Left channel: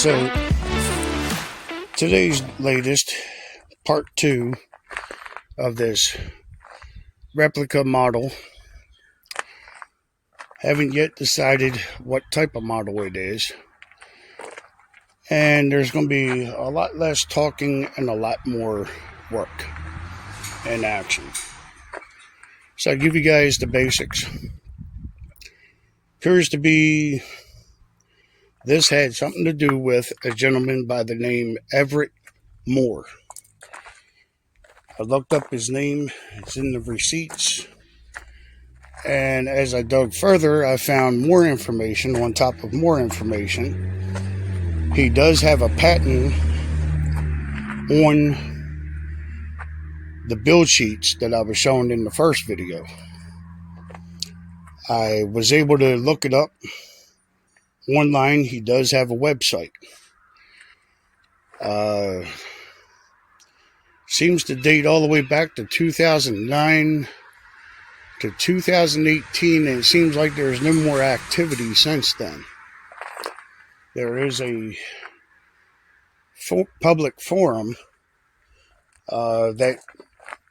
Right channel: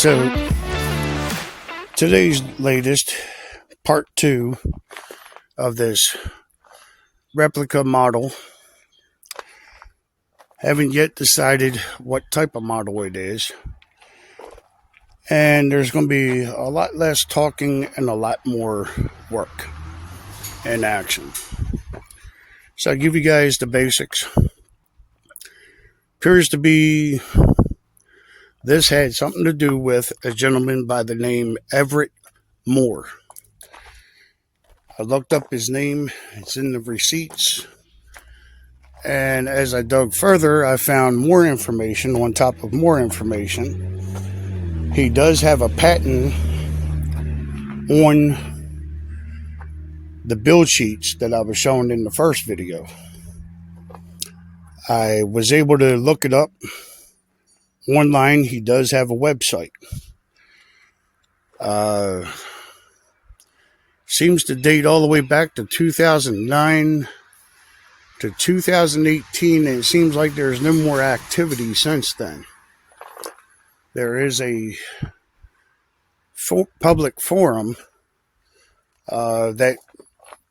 So today's latest, part 2 of this replica model. Haven't yet decided what type of model it is. And there's going to be a lot less talking and a lot more work and action. So I'll give you guys the basics. Appears to be, this had something to do with a gentleman by the name Everett Moore. I looked up his name. It's in the receipts. And as I dug further, I found more information on top of more information. He does have a patent on the build sheets that I was showing in the first video. I was able to look it up online. He does have a website. Seems to date all the way back to 2009 to 2018, and it seems like there's no more activity since then. There is a public forum that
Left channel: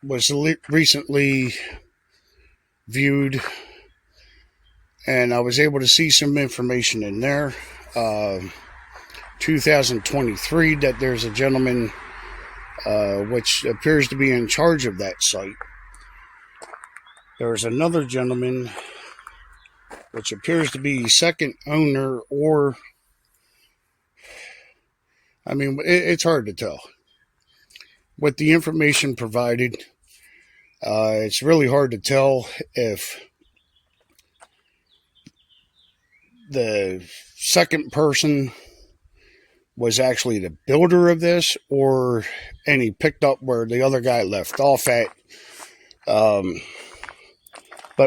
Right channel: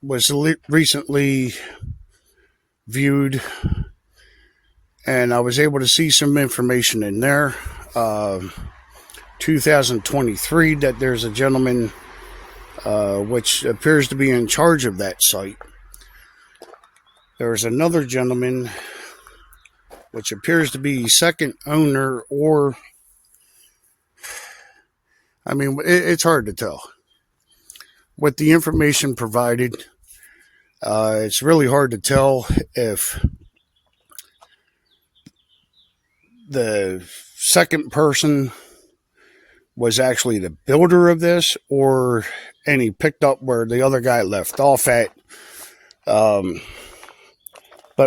was recently viewed, and I was able to see some information in there. 2023, that there's a gentleman which appears to be in charge of that site. There's another gentleman which appears to be second owner, or I mean, it's hard to tell. With the information provided, it's really hard to tell if the second person was actually the builder of this, or and he picked up where the other guy left off at. But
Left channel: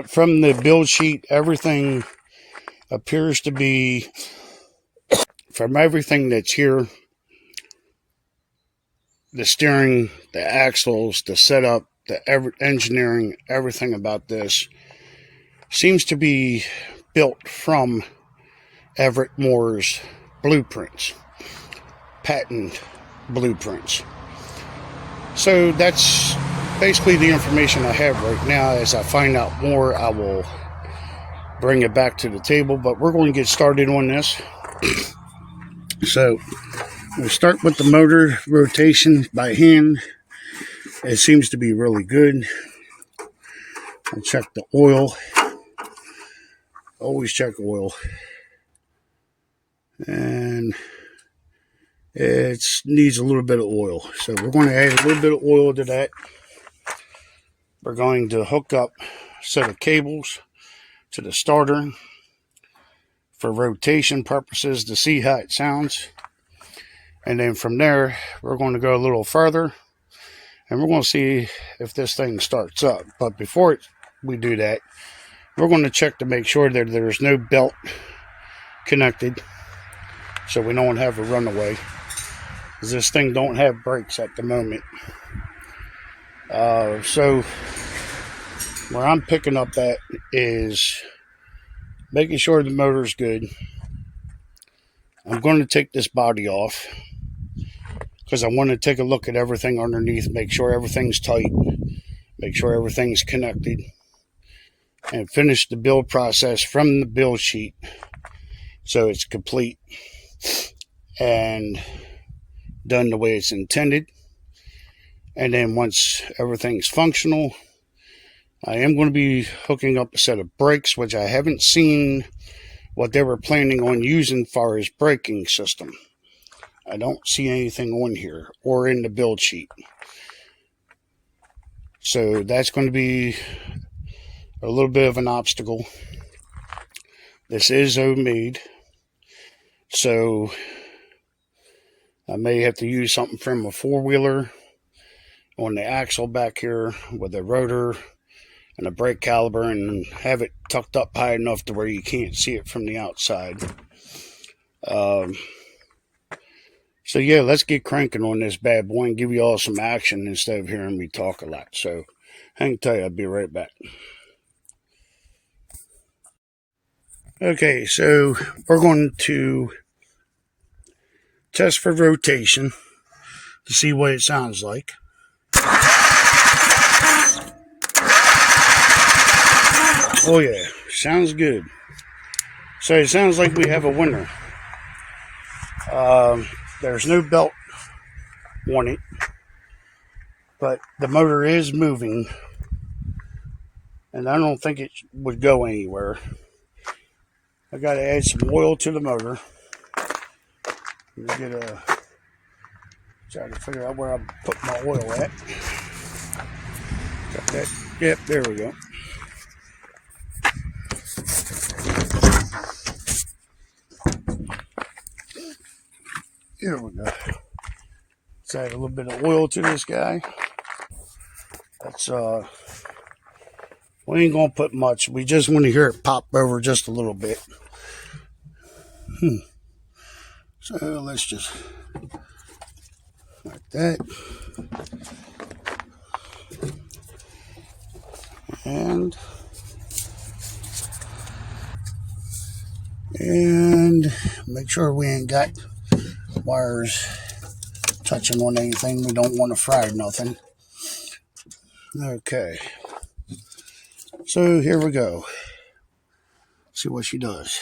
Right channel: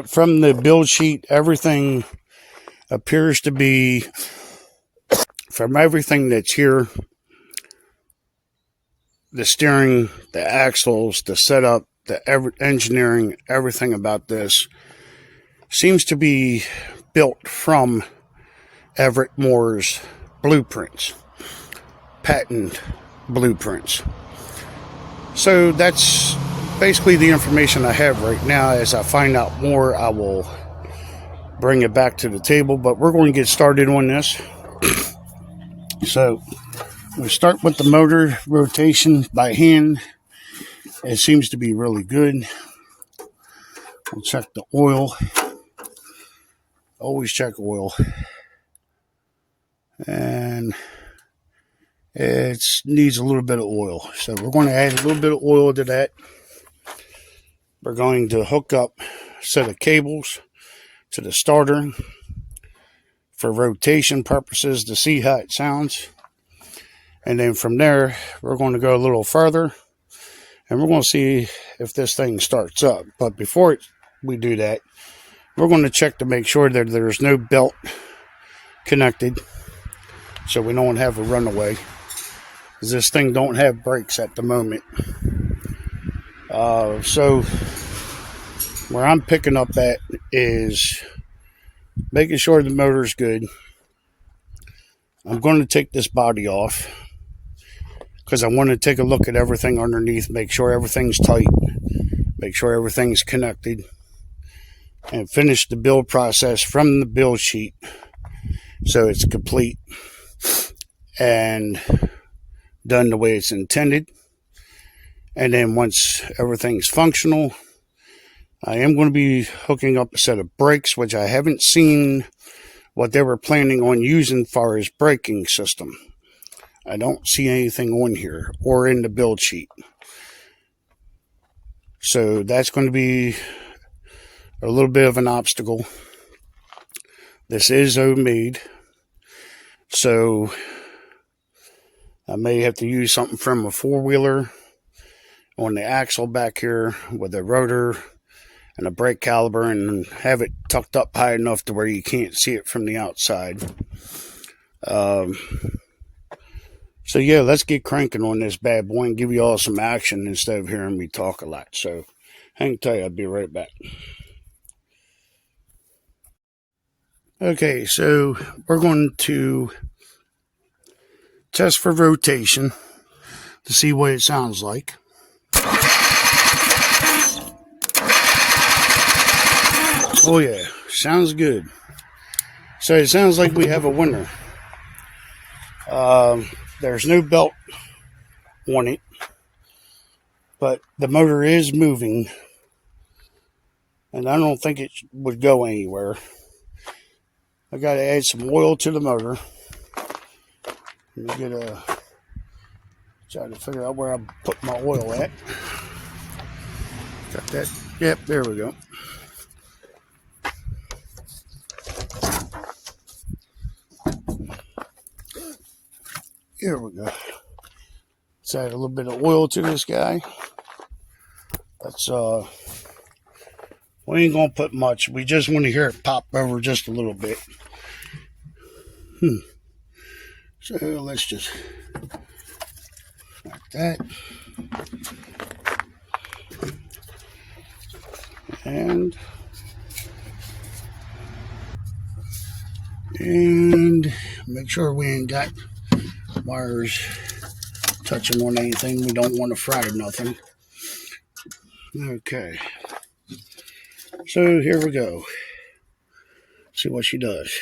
from the build sheet, everything appears to be, from everything that's here, the steering, the axles, the setup, the engineering, everything about this seems to be built from Everett Moore's blueprints, patent blueprints. So that's basically the information I have right now. As I find out more, I will bring it back to the table, but we're going to get started on this. So we'll start with the motor rotation by hand. It seems to be really good. We'll check the oil. Always check oil. And it needs a little bit of oil. So we're going to add a little bit of oil to that. We're going to hook up a set of cables to the starter for rotation purposes to see how it sounds. And then from there, we're going to go a little further, and we're going to see if this thing starts up. But before we do that, we're going to check to make sure that there's no belt connected, so we don't have a runaway, because this thing don't have brakes at the moment. So where I'm picking up at is making sure the motor's good. I'm going to take this body off because I want to take a look at everything underneath, make sure everything's tight, make sure everything's connected, and finish the build process from the build sheet so it's complete and done the way it's intended. And then once everything's functional, I am going to be hooking up a set of brakes, which I haven't seen what they were planning on using for his braking system. I don't see anything on here or in the build sheet. So that's going to be a little bit of an obstacle. This is homemade, so I may have to use something from a four-wheeler on the axle back here with a rotor and a brake caliper, and have it tucked up high enough to where you can't see it from the outside. So yeah, let's get cranking on this bad boy and give you all some action instead of hearing me talk a lot. So hang tight, I'll be right back. Okay, so we're going to test for rotation to see what it sounds like. Oh yeah, sounds good. So it sounds like we have a winner. There's no belt on it, but the motor is moving, and I don't think it would go anywhere. I got to add some oil to the motor. Let me try to figure out where I put my oil at. Got that. Yep, there we go. Here we go. Let's add a little bit of oil to this guy. That's we ain't gonna put much. We just want to hear it pop over just a little bit. So let's just like that. And make sure we ain't got wires touching on anything. We don't want to fry nothing. Okay. So here we go. See what she does.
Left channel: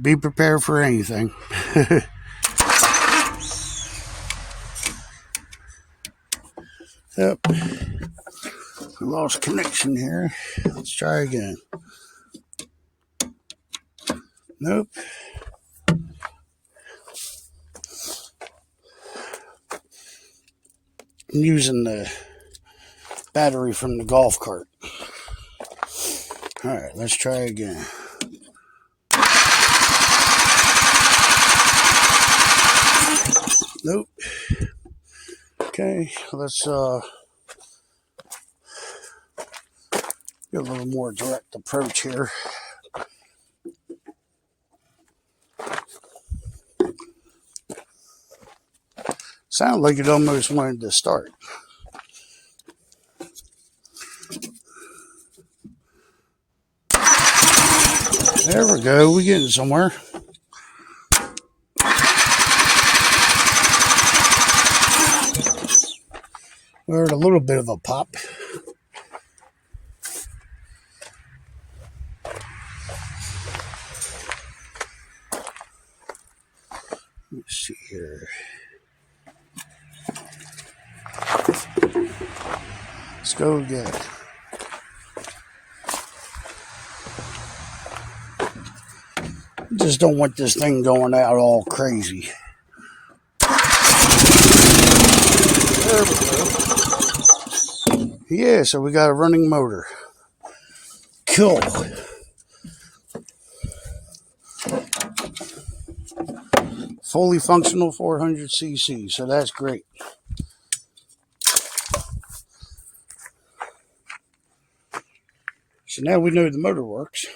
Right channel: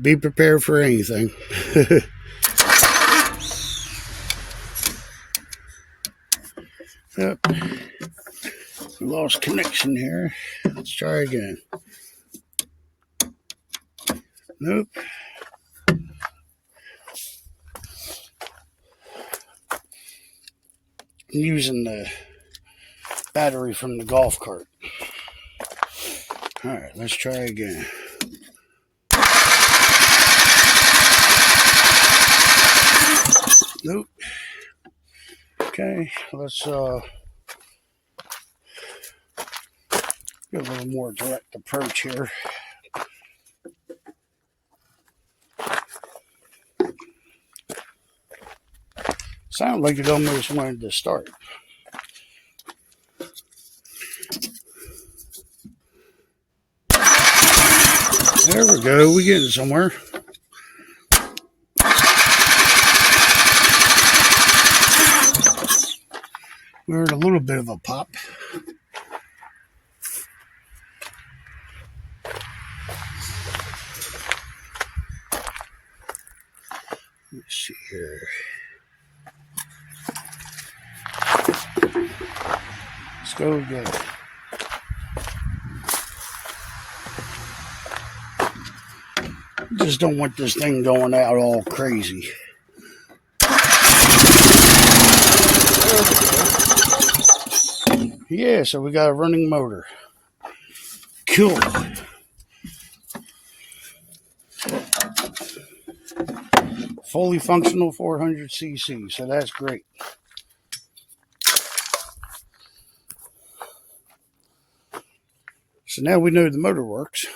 Be prepared for anything. Yep. We lost connection here. Let's try again. Nope. I'm using the battery from the golf cart. Alright, let's try again. Nope. Okay, let's get a little more direct approach here. Sounded like it almost wanted to start. There we go, we're getting somewhere. We heard a little bit of a pop. Let's see here. Let's go again. Just don't want this thing going out all crazy. Yeah, so we got a running motor. Cool. Fully functional 400cc, so that's great. So now we know the motor works.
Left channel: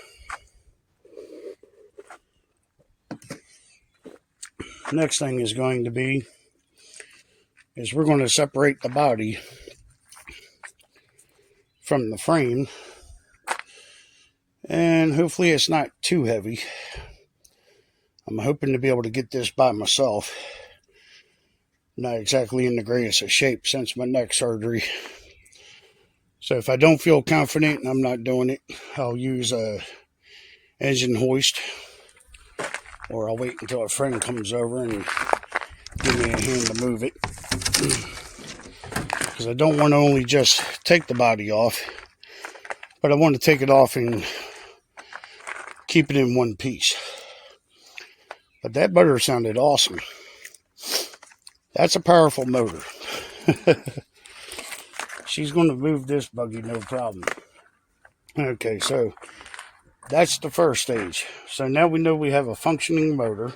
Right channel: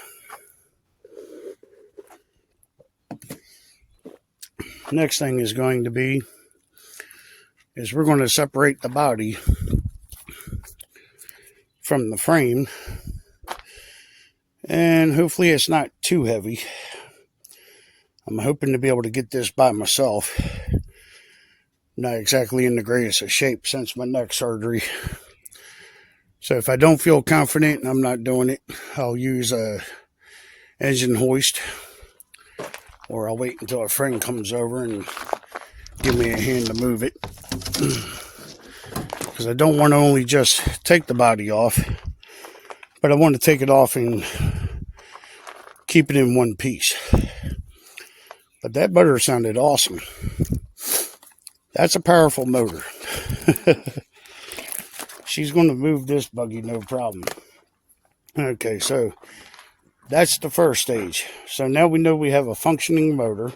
Next thing is going to be is we're going to separate the body from the frame, and hopefully it's not too heavy. I'm hoping to be able to get this by myself. Not exactly in the greatest of shape since my neck surgery. So if I don't feel confident and I'm not doing it, I'll use a engine hoist, or I'll wait until a friend comes over and give me a hand to move it. Because I don't want to only just take the body off, but I want to take it off and keep it in one piece. But that motor sounded awesome. That's a powerful motor. She's going to move this buggy no problem. Okay, so that's the first stage. So now we know we have a functioning motor.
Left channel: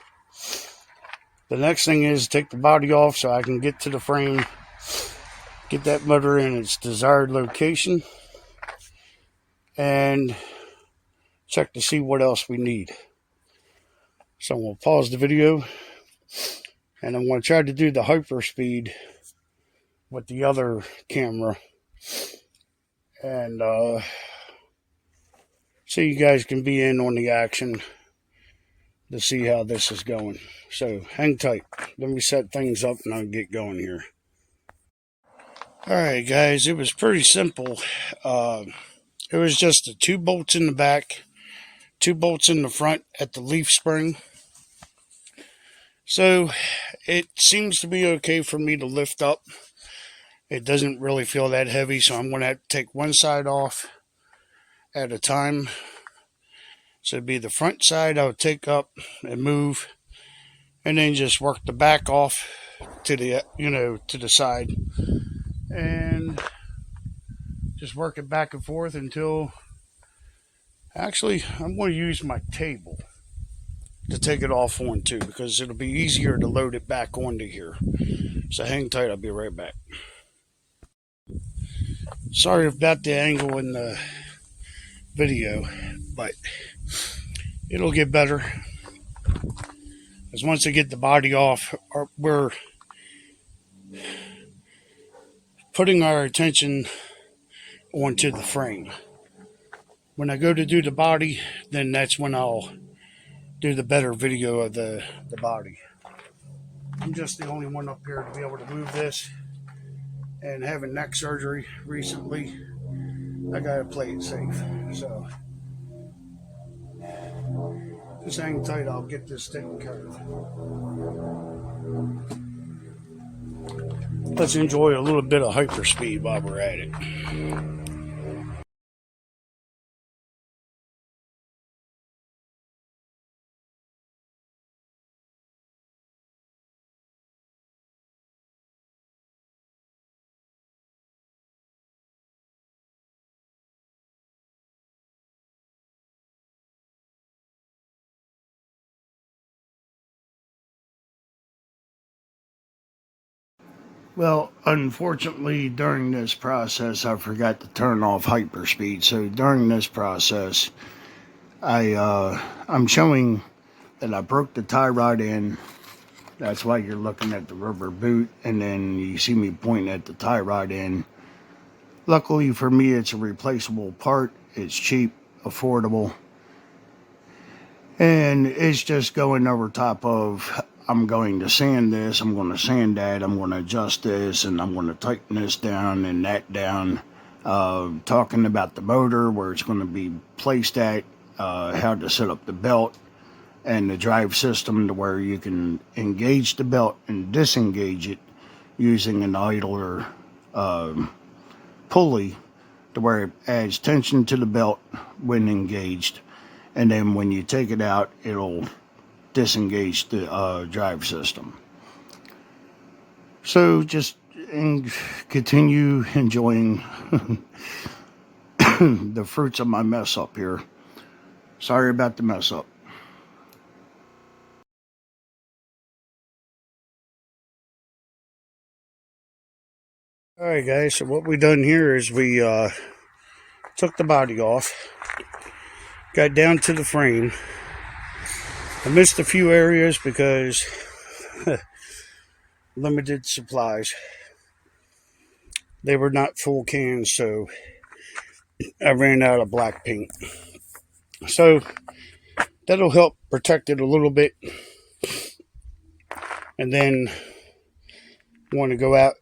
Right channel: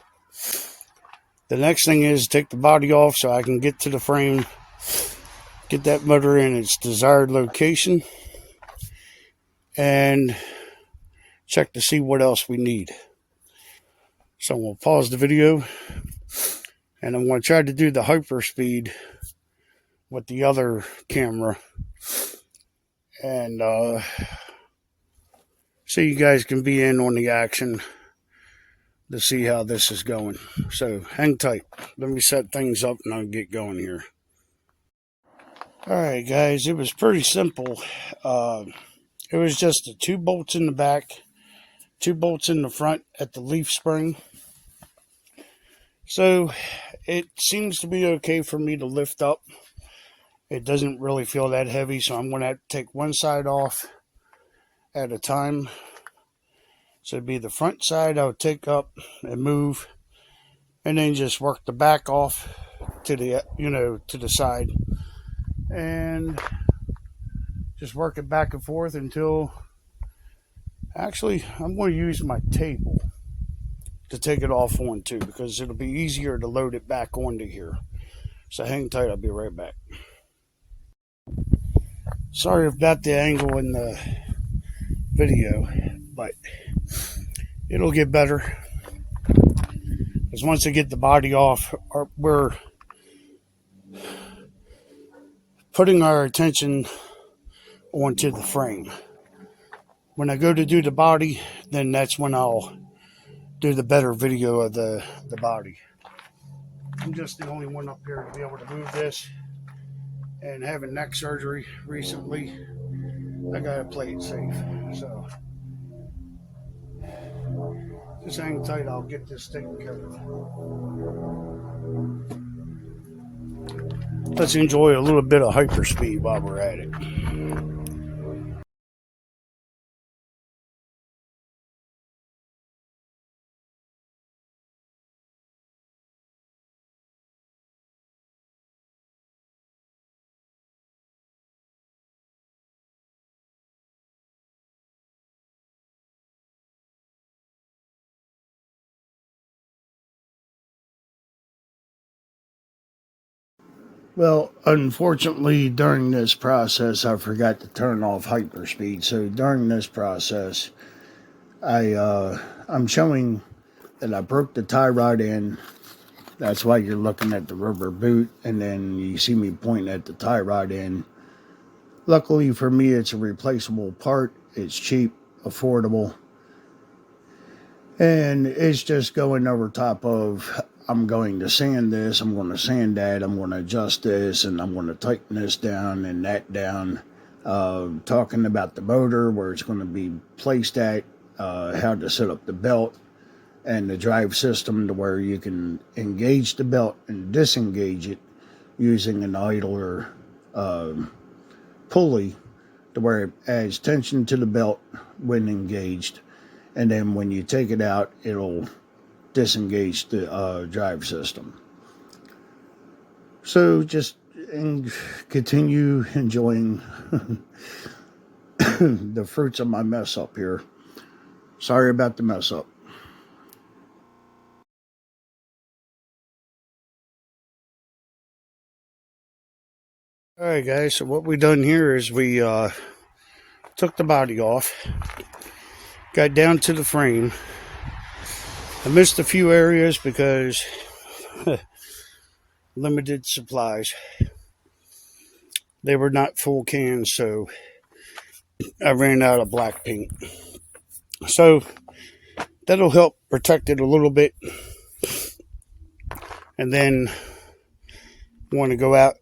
The next thing is take the body off so I can get to the frame, get that motor in its desired location, and check to see what else we need. So we'll pause the video, and I'm going to try to do the hyperspeed with the other camera, and so you guys can be in on the action. to see how this is going. So hang tight. Let me set things up and I'll get going here. Alright guys, it was pretty simple. It was just the 2 bolts in the back, 2 bolts in the front at the leaf spring. So it seems to be okay for me to lift up. It doesn't really feel that heavy, so I'm going to have to take one side off at a time. So it'd be the front side I would take up and move, and then just work the back off to the, to the side, and just work it back and forth until, actually, I'm going to use my table to take it off on too, because it'll be easier to load it back onto here. So hang tight, I'll be right back. Sorry about the angle in the video, but it'll get better. Because once I get the body off, we're putting our attention onto the frame. When I go to do the body, then that's when I'll do the better video of the body. I'm just the only one up here to be able to move this, and having neck surgery recently, I gotta play it safe. So just hang tight, I'll get this taken care of. Let's enjoy a little bit of hyperspeed while we're at it. Well, unfortunately, during this process, I forgot to turn off hyperspeed. So during this process, I'm showing that I broke the tie rod in. That's why you're looking at the rubber boot, and then you see me pointing at the tie rod in. Luckily for me, it's a replaceable part. It's cheap, affordable, and it's just going over top of, I'm going to sand this, I'm going to sand that, I'm going to adjust this, and I'm going to tighten this down and that down. Talking about the motor, where it's going to be placed at, how to set up the belt and the drive system to where you can engage the belt and disengage it using an idler pulley, to where it adds tension to the belt when engaged, and then when you take it out, it'll disengage the drive system. So just continue enjoying the fruits of my mess up here. Sorry about the mess up. Alright guys, so what we done here is we took the body off, got down to the frame. I missed a few areas because limited supplies. They were not full cans, so I ran out of black paint. So that'll help protect it a little bit. And then want to go out,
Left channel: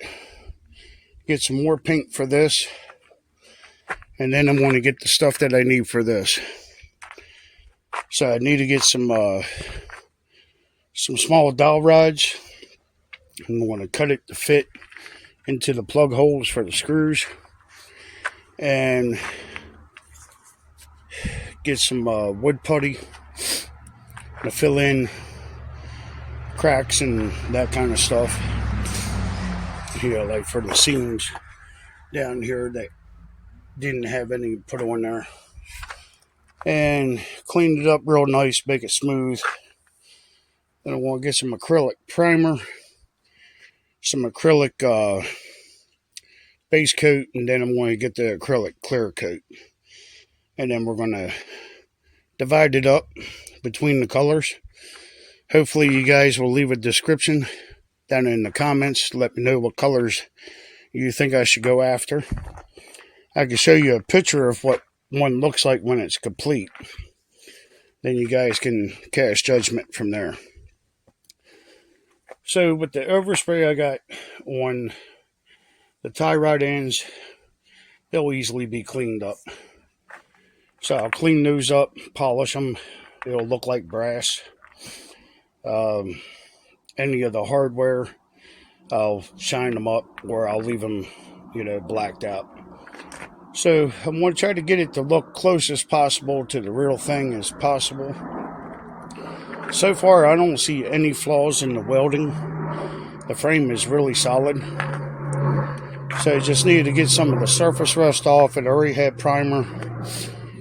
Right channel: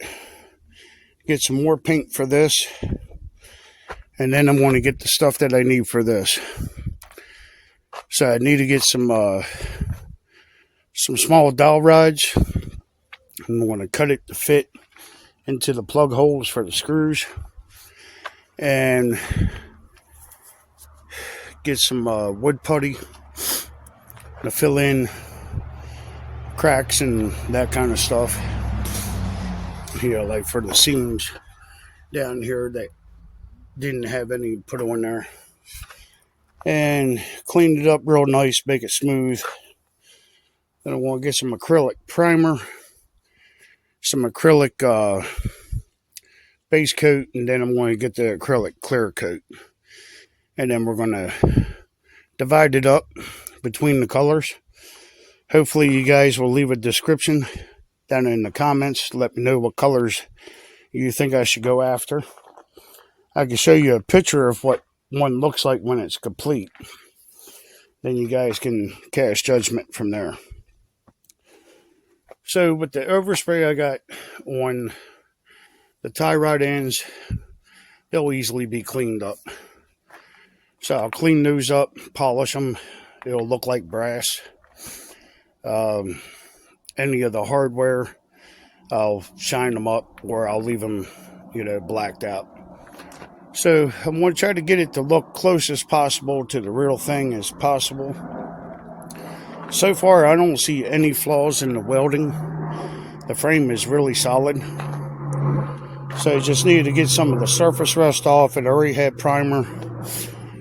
get some more paint for this, and then I'm going to get the stuff that I need for this. So I need to get some small dowel rods. I'm going to cut it to fit into the plug holes for the screws, and get some wood putty to fill in cracks and that kind of stuff. Yeah, like for the seams down here that didn't have any put on there. And clean it up real nice, make it smooth. Then I want to get some acrylic primer, some acrylic base coat, and then I'm going to get the acrylic clear coat. And then we're going to divide it up between the colors. Hopefully you guys will leave a description down in the comments to let me know what colors you think I should go after. I can show you a picture of what one looks like when it's complete. Then you guys can cast judgment from there. So with the overspray I got on the tie rod ends, they'll easily be cleaned up. So I'll clean those up, polish them. It'll look like brass. Any of the hardware, I'll shine them up, or I'll leave them, blacked out. So I'm going to try to get it to look close as possible to the real thing as possible. So far, I don't see any flaws in the welding. The frame is really solid. So I just needed to get some of the surface rust off. It already had primer.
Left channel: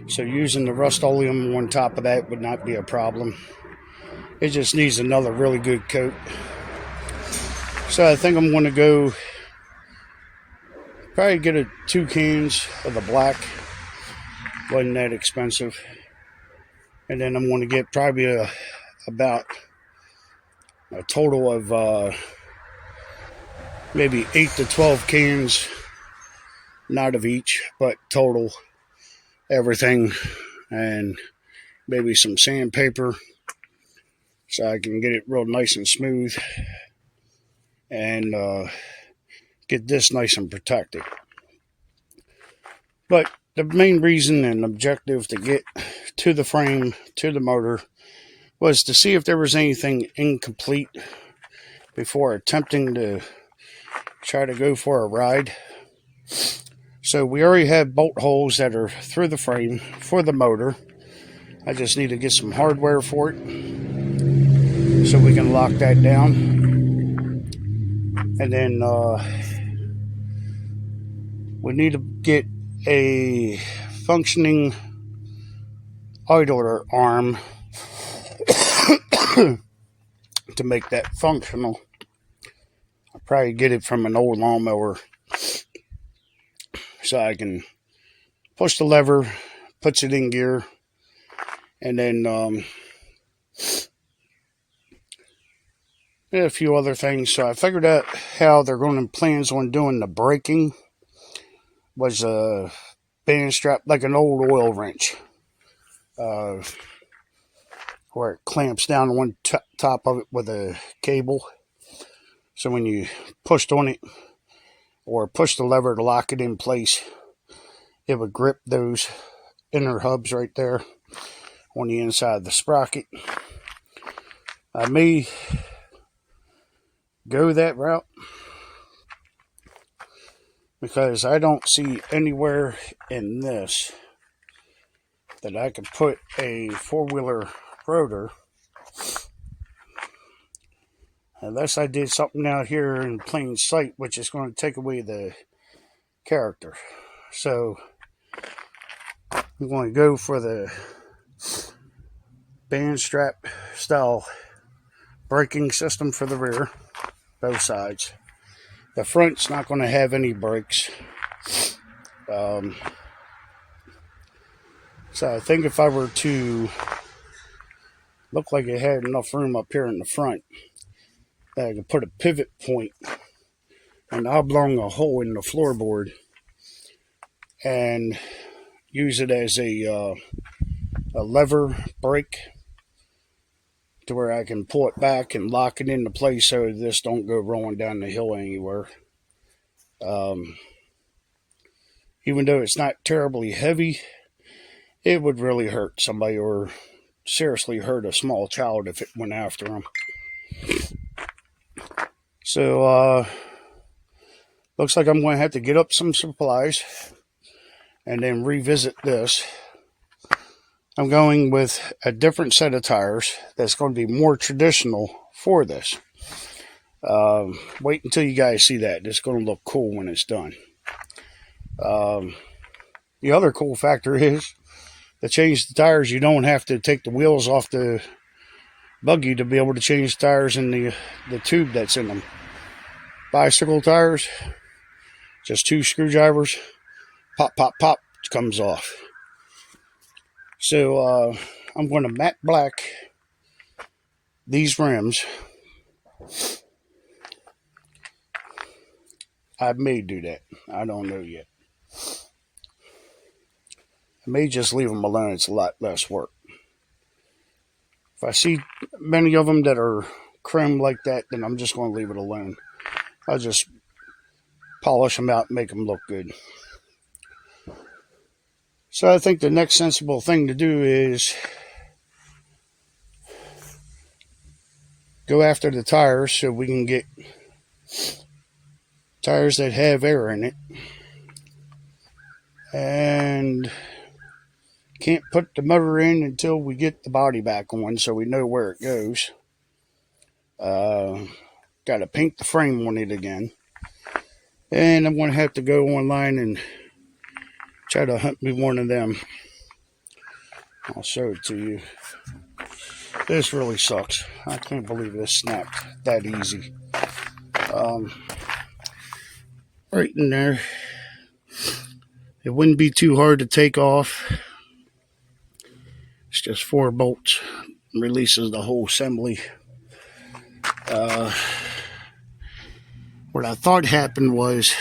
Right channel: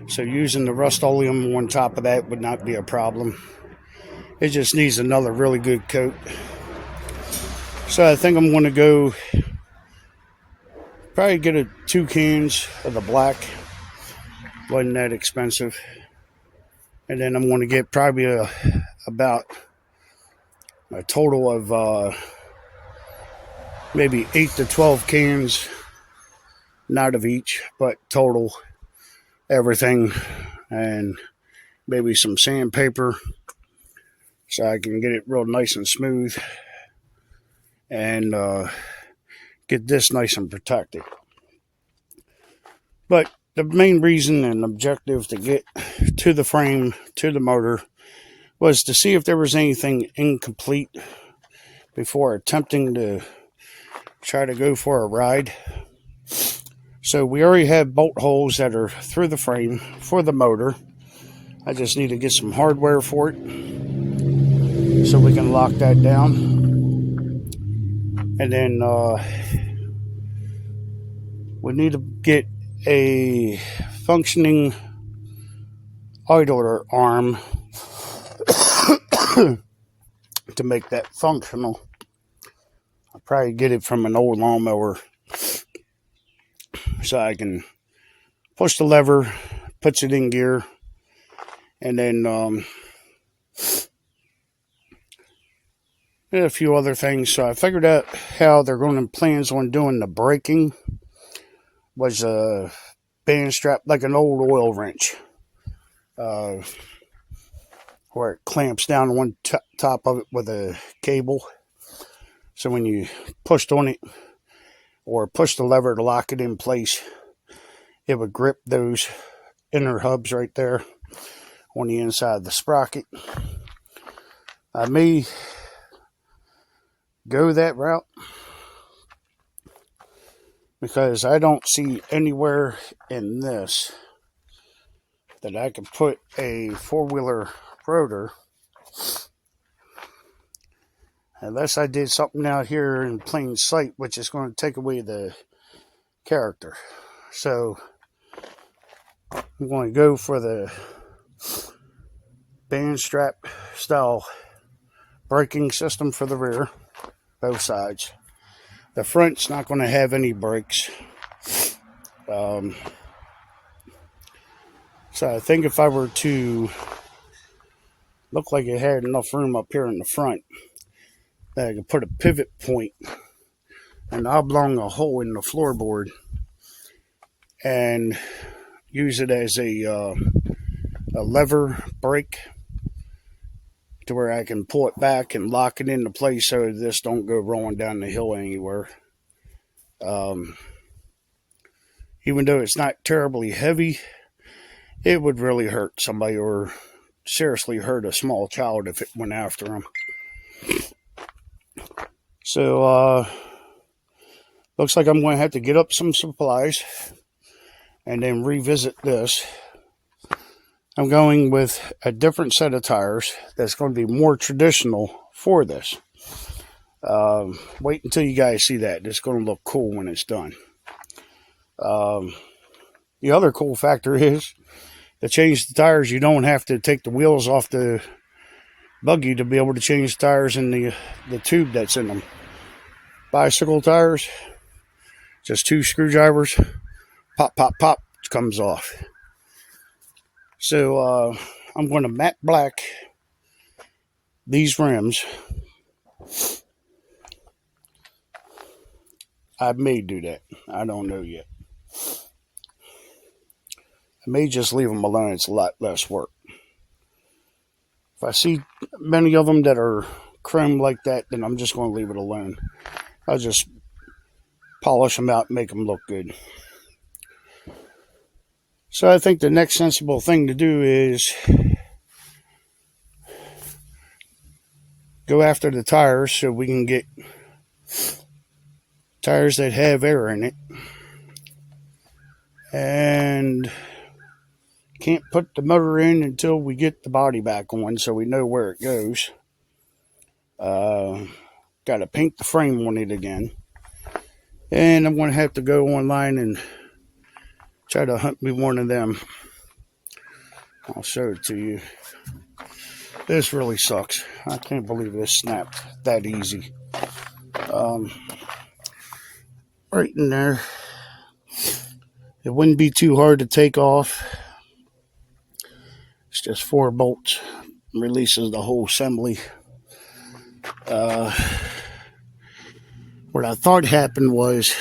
So using the Rust-Oleum on top of that would not be a problem. It just needs another really good coat. So I think I'm going to go probably get 2 cans of the black. Wasn't that expensive. And then I'm going to get probably about a total of maybe 8 to 12 cans. Not of each, but total. Everything. And maybe some sandpaper. So I can get it real nice and smooth. And get this nice and protected. But the main reason and objective to get to the frame, to the motor, was to see if there was anything incomplete before attempting to try to go for a ride. So we already have bolt holes that are through the frame for the motor. I just need to get some hardware for it so we can lock that down. And then we need to get a functioning idler arm to make that functional. I'll probably get it from an old lawnmower so I can push the lever, puts it in gear, and then and a few other things. So I figured out how they're going to plans on doing the braking. Was a band strap, like an old oil wrench, where it clamps down one top of it with a cable. So when you pushed on it or push the lever to lock it in place, it would grip those inner hubs right there on the inside of the sprocket. I may go that route because I don't see anywhere in this that I could put a 4-wheeler rotor unless I did something out here in plain sight, which is going to take away the character. So I'm going to go for the band strap style braking system for the rear, both sides. The front's not going to have any brakes. So I think if I were to look like it had enough room up here in the front, that I could put a pivot point and oblong a hole in the floorboard and use it as a lever brake to where I can pull it back and lock it into place so this don't go rolling down the hill anywhere. Even though it's not terribly heavy, it would really hurt somebody or seriously hurt a small child if it went after them. So, looks like I'm going to have to get up some supplies and then revisit this. I'm going with a different set of tires that's going to be more traditional for this. Wait until you guys see that. It's going to look cool when it's done. The other cool factor is to change the tires, you don't have to take the wheels off the buggy to be able to change the tires in the tube that's in them. Bicycle tires, just 2 screwdrivers, pop, pop, pop, it comes off. So I'm going to matte black these rims. I may do that. I don't know yet. I may just leave them alone. It's a lot less work. If I see many of them that are chrome like that, then I'm just going to leave it alone. I'll just polish them out and make them look good. So I think the next sensible thing to do is go after the tires so we can get tires that have air in it. And can't put the motor in until we get the body back on so we know where it goes. Got to paint the frame on it again. And I'm going to have to go online and try to hunt me one of them. I'll show it to you. This really sucks. I can't believe this snapped that easy. Right in there. It wouldn't be too hard to take off. It's just 4 bolts. Releases the whole assembly. What I thought happened was,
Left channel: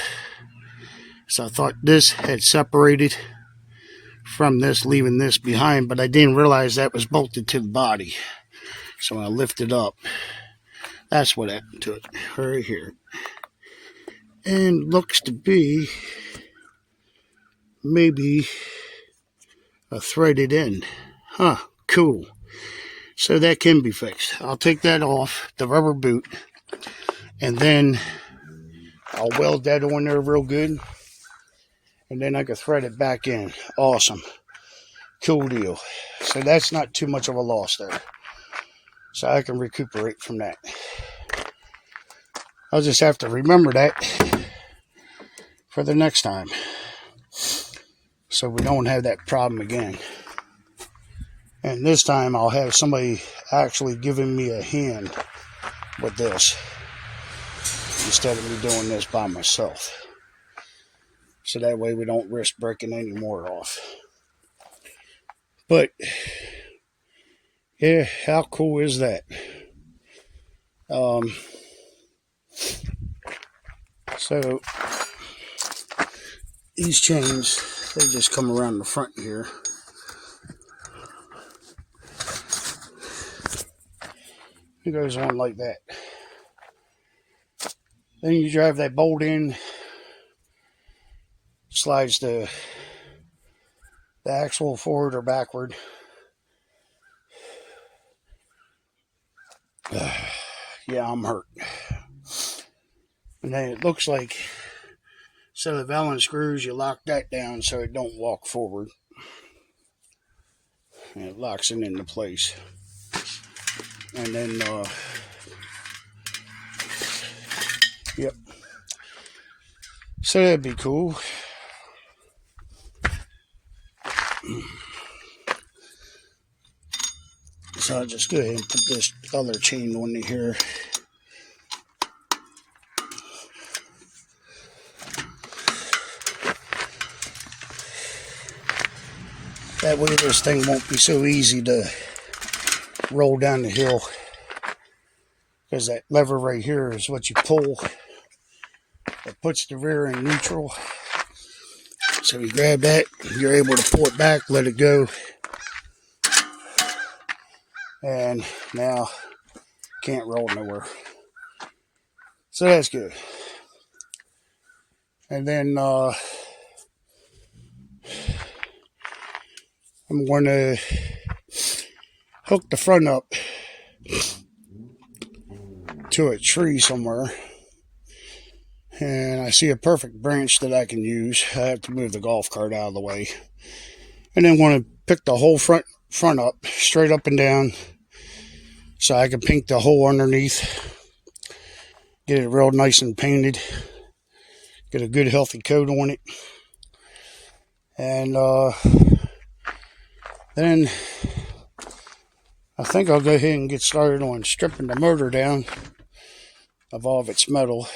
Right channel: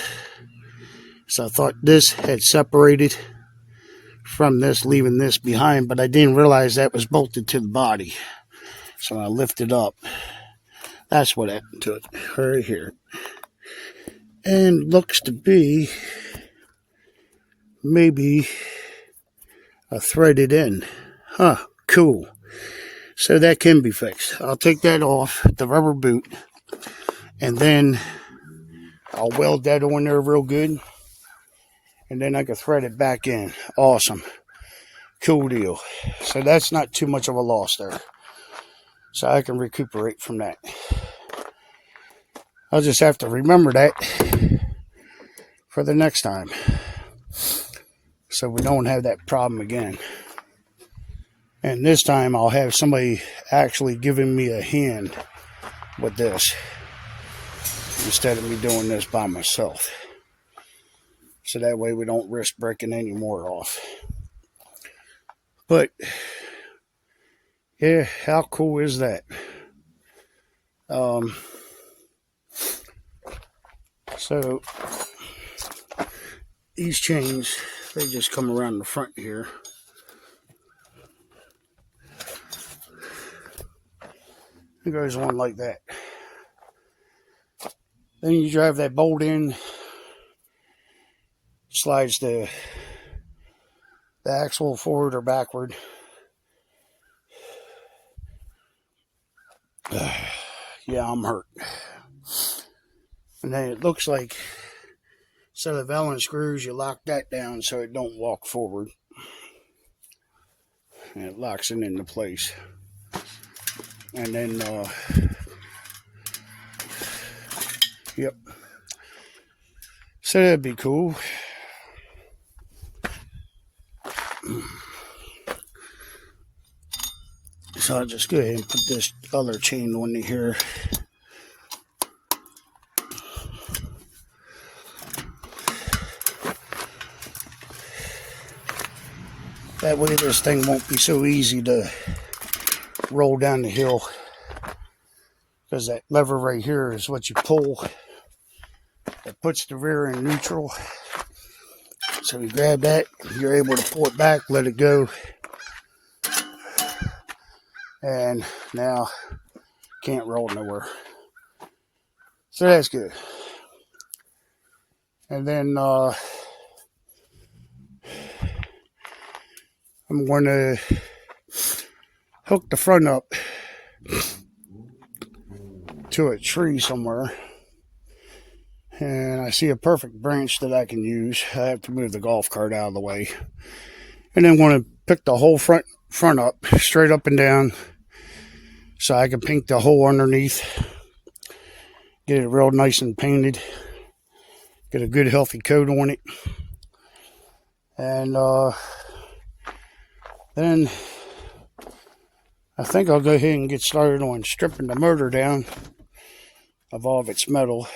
I thought this had separated from this, leaving this behind, but I didn't realize that was bolted to the body. So when I lifted up, that's what happened to it, right here. And looks to be maybe a threaded end. Huh, cool. So that can be fixed. I'll take that off, the rubber boot, and then I'll weld that on there real good. And then I can thread it back in. Awesome. Cool deal. So that's not too much of a loss there. So I can recuperate from that. I'll just have to remember that for the next time, so we don't have that problem again. And this time I'll have somebody actually giving me a hand with this instead of me doing this by myself. So that way we don't risk breaking any more off. But yeah, how cool is that? So these chains, they just come around the front here. It goes on like that. Then you drive that bolt in, slides the axle forward or backward. Yeah, I'm hurt. And then it looks like, instead of Allen screws, you lock that down so it don't walk forward. And it locks it into place. And then, yep. So that'd be cool. So I'll just go ahead and put this other chain on here. That way this thing won't be so easy to roll down the hill, because that lever right here is what you pull. It puts the rear in neutral. So you grab that, you're able to pull it back, let it go. And now can't roll nowhere. So that's good. And then I'm going to hook the front up to a tree somewhere. And I see a perfect branch that I can use. I have to move the golf cart out of the way. And then want to pick the whole front up, straight up and down, so I can paint the hole underneath. Get it real nice and painted. Get a good healthy coat on it. And then I think I'll go ahead and get started on stripping the motor down of all of its metal.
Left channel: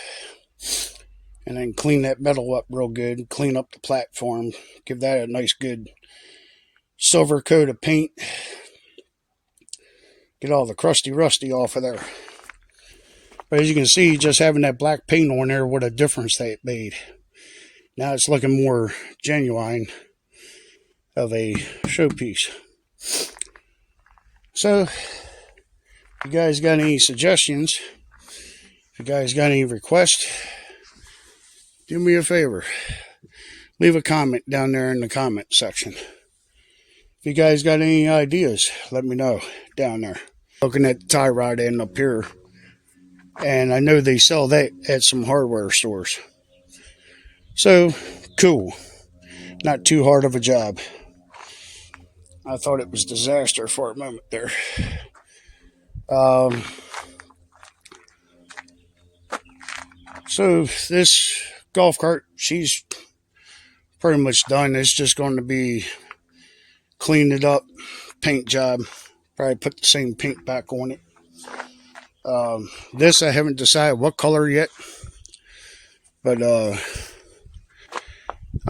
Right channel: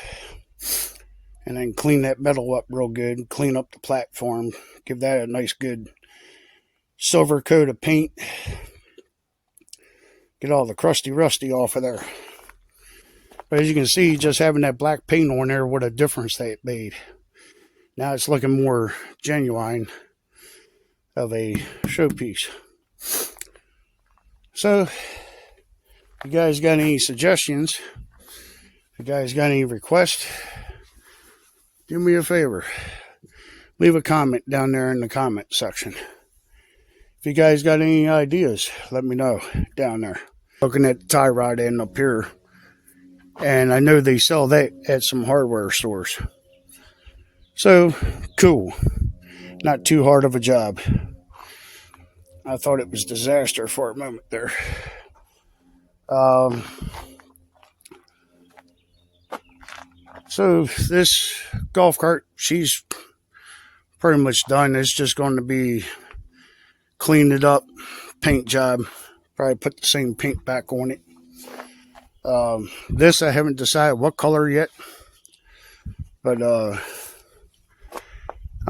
And then clean that metal up real good. Clean up the platform. Give that a nice good silver coat of paint. Get all the crusty rusty off of there. But as you can see, just having that black paint on there, what a difference that made. Now it's looking more genuine of a showpiece. So If you guys got any suggestions, if you guys got any requests, do me a favor. Leave a comment down there in the comment section. If you guys got any ideas, let me know down there. Looking at the tie rod end up here, and I know they sell that at some hardware stores. So, cool. Not too hard of a job. I thought it was disaster for a moment there. So this golf cart, she's pretty much done. It's just going to be cleaned it up, paint job. Probably put the same paint back on it. This I haven't decided what color yet, but I'm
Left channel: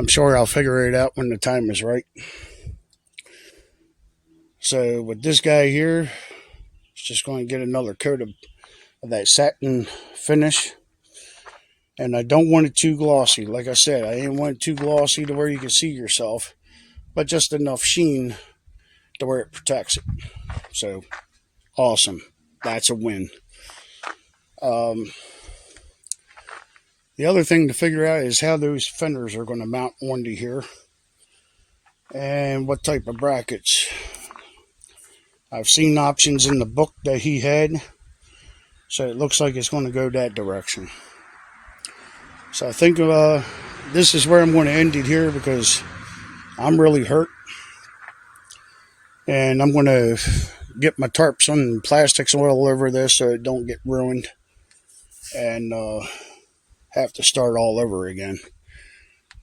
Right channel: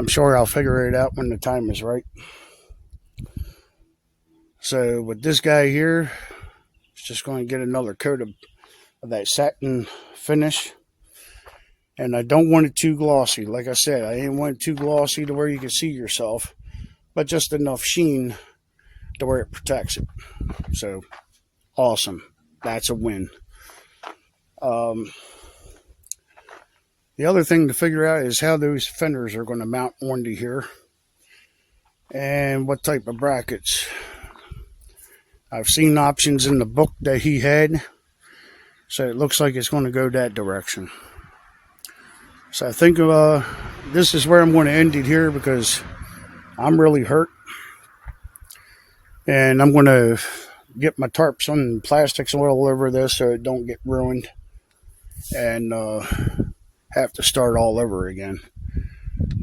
sure I'll figure it out when the time is right. So with this guy here, it's just going to get another coat of that satin finish. And I don't want it too glossy. Like I said, I didn't want it too glossy to where you can see yourself, but just enough sheen to where it protects it. So, awesome. That's a win. The other thing to figure out is how those fenders are going to mount onto here, and what type of brackets. I've seen options in the book that he had, so it looks like it's going to go that direction. So I think this is where I'm going to end it here, because I'm really hurt. And I'm going to get my tarps and plastics all over this so it don't get ruined. And have to start all over again.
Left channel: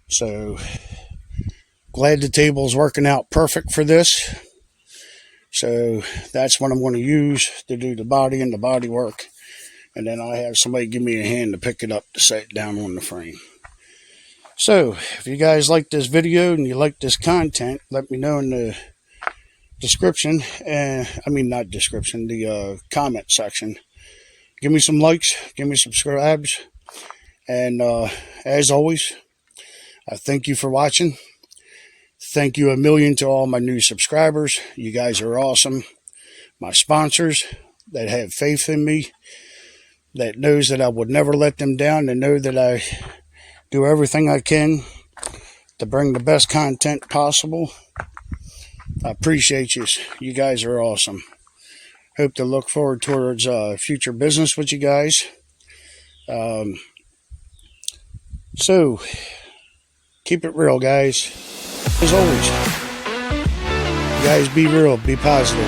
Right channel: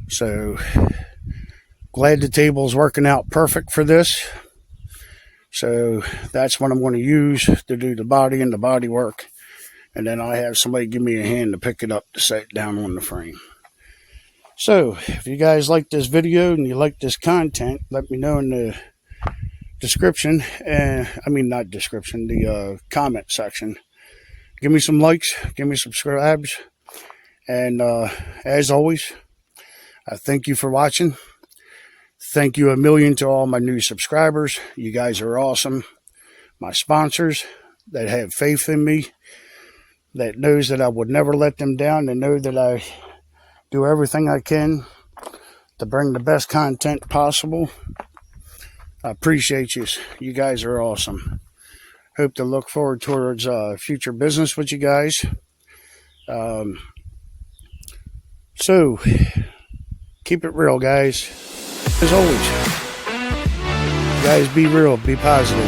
So glad the table's working out perfect for this. So that's what I'm going to use to do the body and the body work. And then I'll have somebody give me a hand to pick it up to set it down on the frame. So, if you guys like this video and you like this content, let me know in the description. Not description, the comment section. Give me some likes, give me some subscribes. And as always, I thank you for watching. Thank you a million to all my new subscribers. You guys are awesome. My sponsors that have faith in me, that knows that I would never let them down, and know that I do everything I can to bring the best content possible. I appreciate you. You guys are awesome. Hope to look forward towards future business with you guys. So, keep it real, guys. As always, guys, be real, be positive.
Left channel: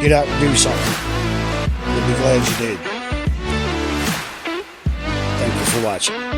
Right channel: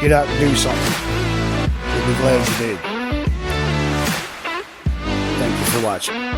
Get out and do something. We'll be glad you did. Thank you for watching.